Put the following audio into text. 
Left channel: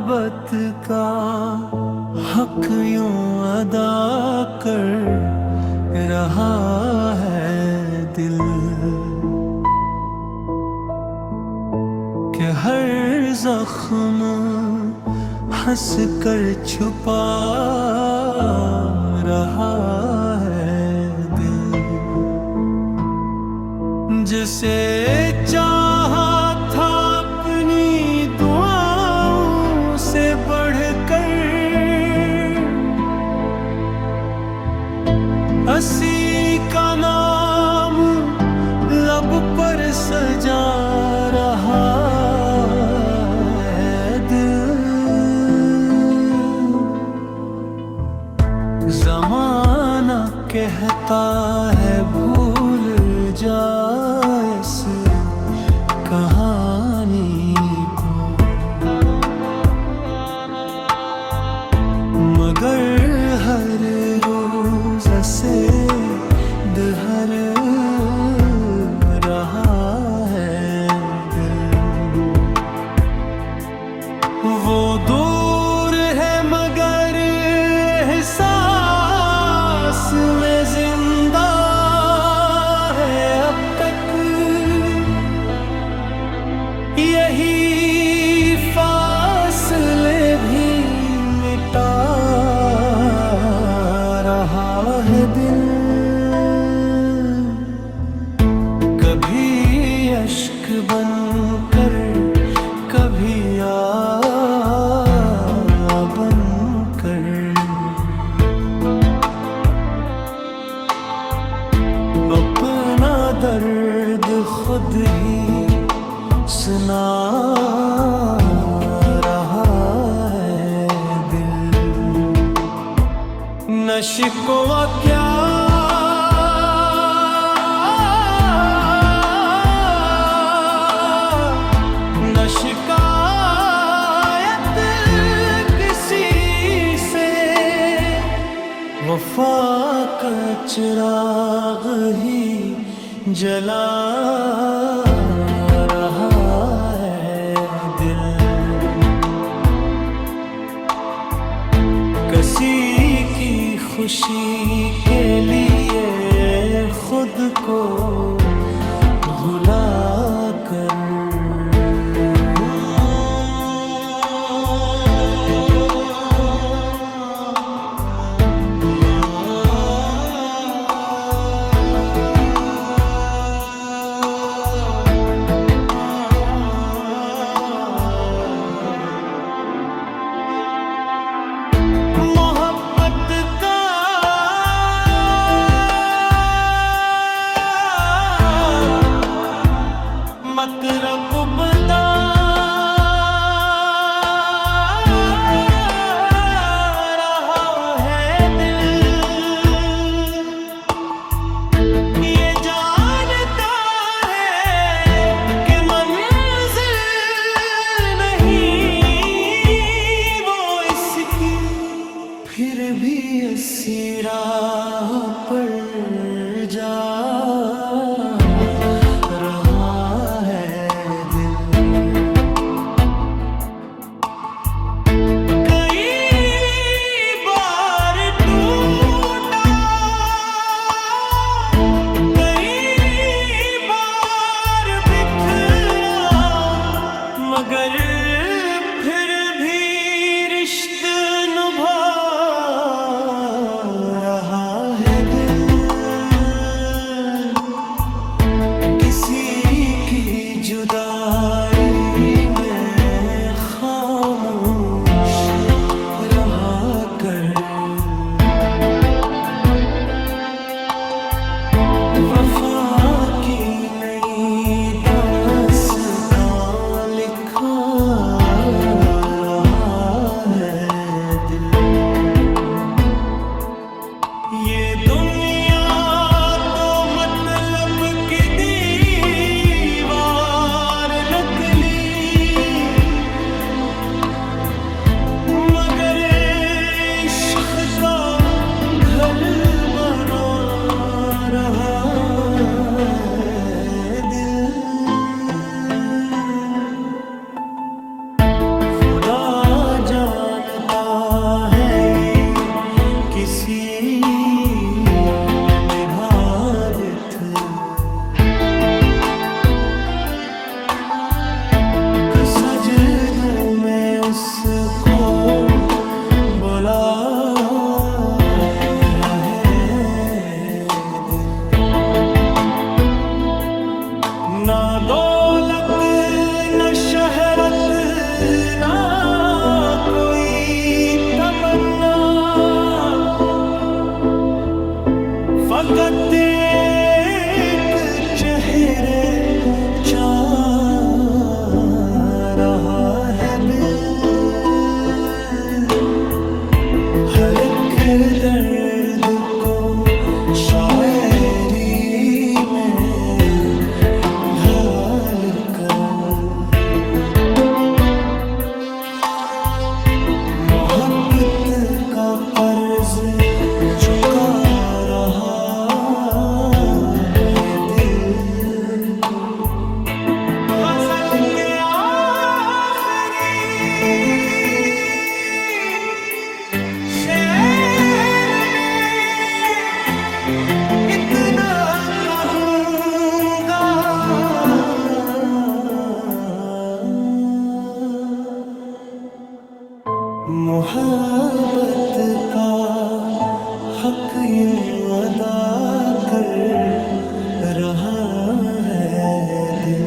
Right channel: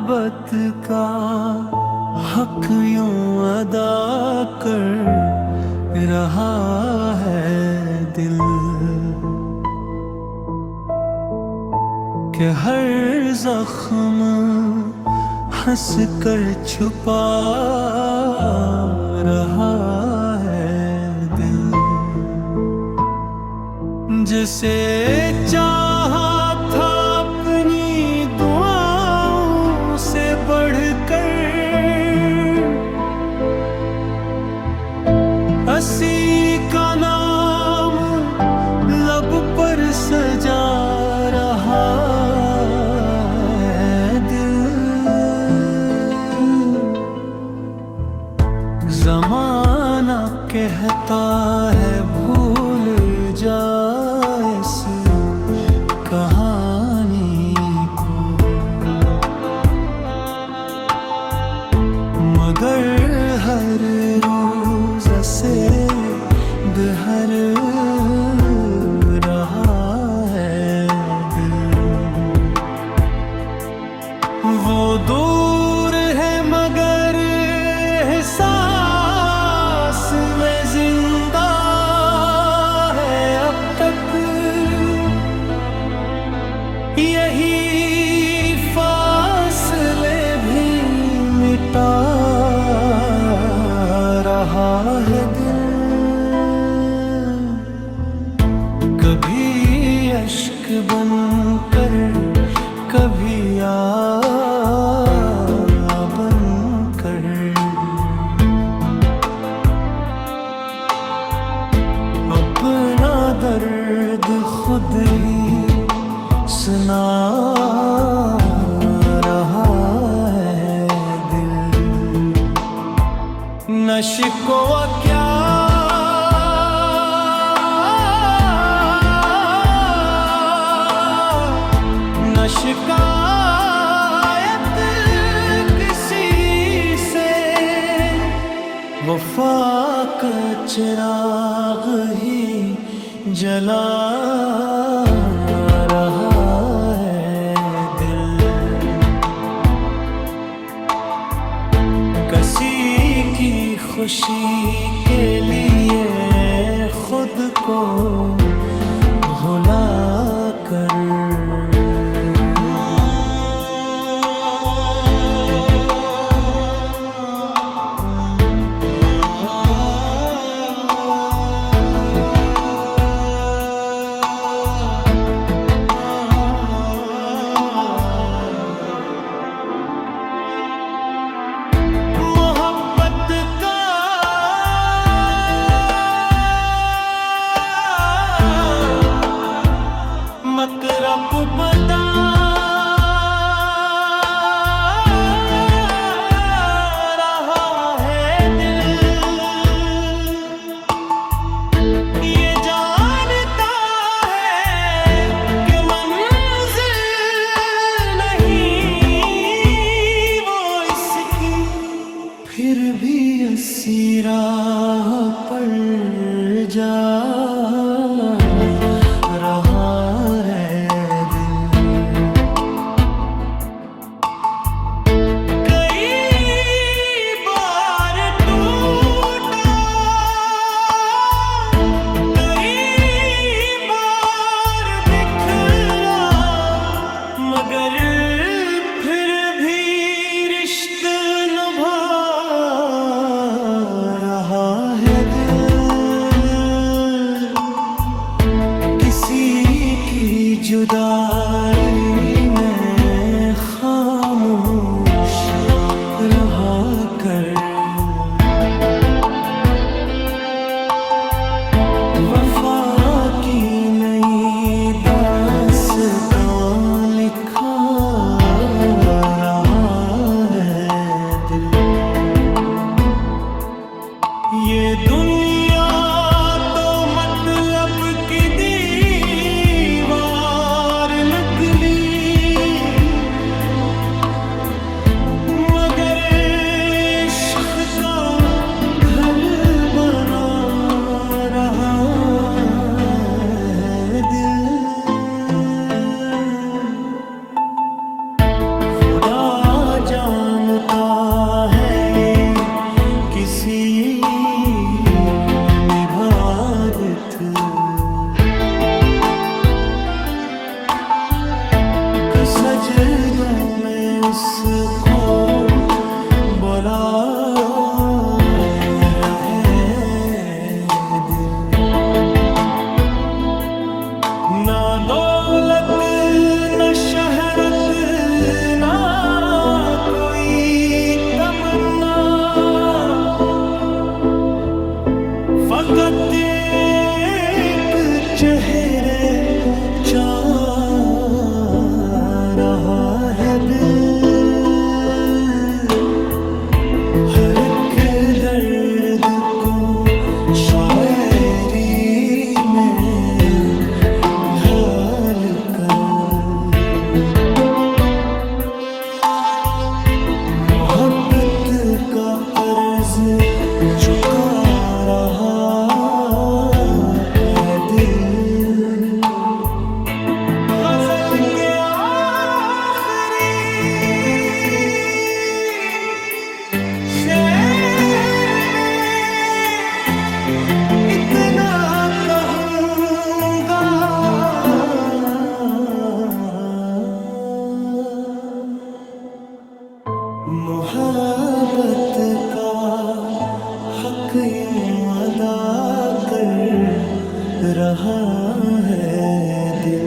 मोहब्बत का हक यूं अदा कर रहा है दिल कि हर जख्म हंस कर छुपा रहा है दिल। जिसे चाहा था अपनी दुआओं से बढ़कर, हंसी का नाम लब पर सजा रहा है दिल। ज़माना कहता है भूल जा इस कहानी को, मगर हर रोज से हर रहा है दिल। वो दूर है मगर एहसास में जिंदा है अब तक, यही फासले भी मिटा रहा है दिल। कभी अश्क बनकर कभी बनकर, अपना दर्द खुद ही सुना रहा है दिल। न शिकवा क्या न शिकायत किसी से, वफा का चिराग ही जला रहा है दिल। किसी की खुशी के लिए खुद को भुला कर, मतलब बता रहा है दिल। ये जानता है कि मंजिल नहीं वो इसकी, फिर भी इसी राह पर जा रहा है दिल। कई बार टूटा, कई बार बिखरा, मगर फिर भी रिश्ते निभा रहा है दिल। किसी की जुदाई में खामोश रहा कर, वफा की नई दास्तां लिखा रहा है दिल। ये दुनिया तो मतलब की दीवार नकली, मगर इश्क का घर बना रहा है दिल। साबित सजदों में उसको बुला रहे दिल। ना दौलत न शहरत ना कोई तमन्ना, फकत एक चेहरे चाह रहा है दिल। हर एक दर्द को शायरी में ढाल कर मोहब्बत का कर्ज चुका रहा है दिल। गजल के आखिरी शेर में इतना कहूँगा, मोहब्बत का हक यूं अदा कर रहा है दिल।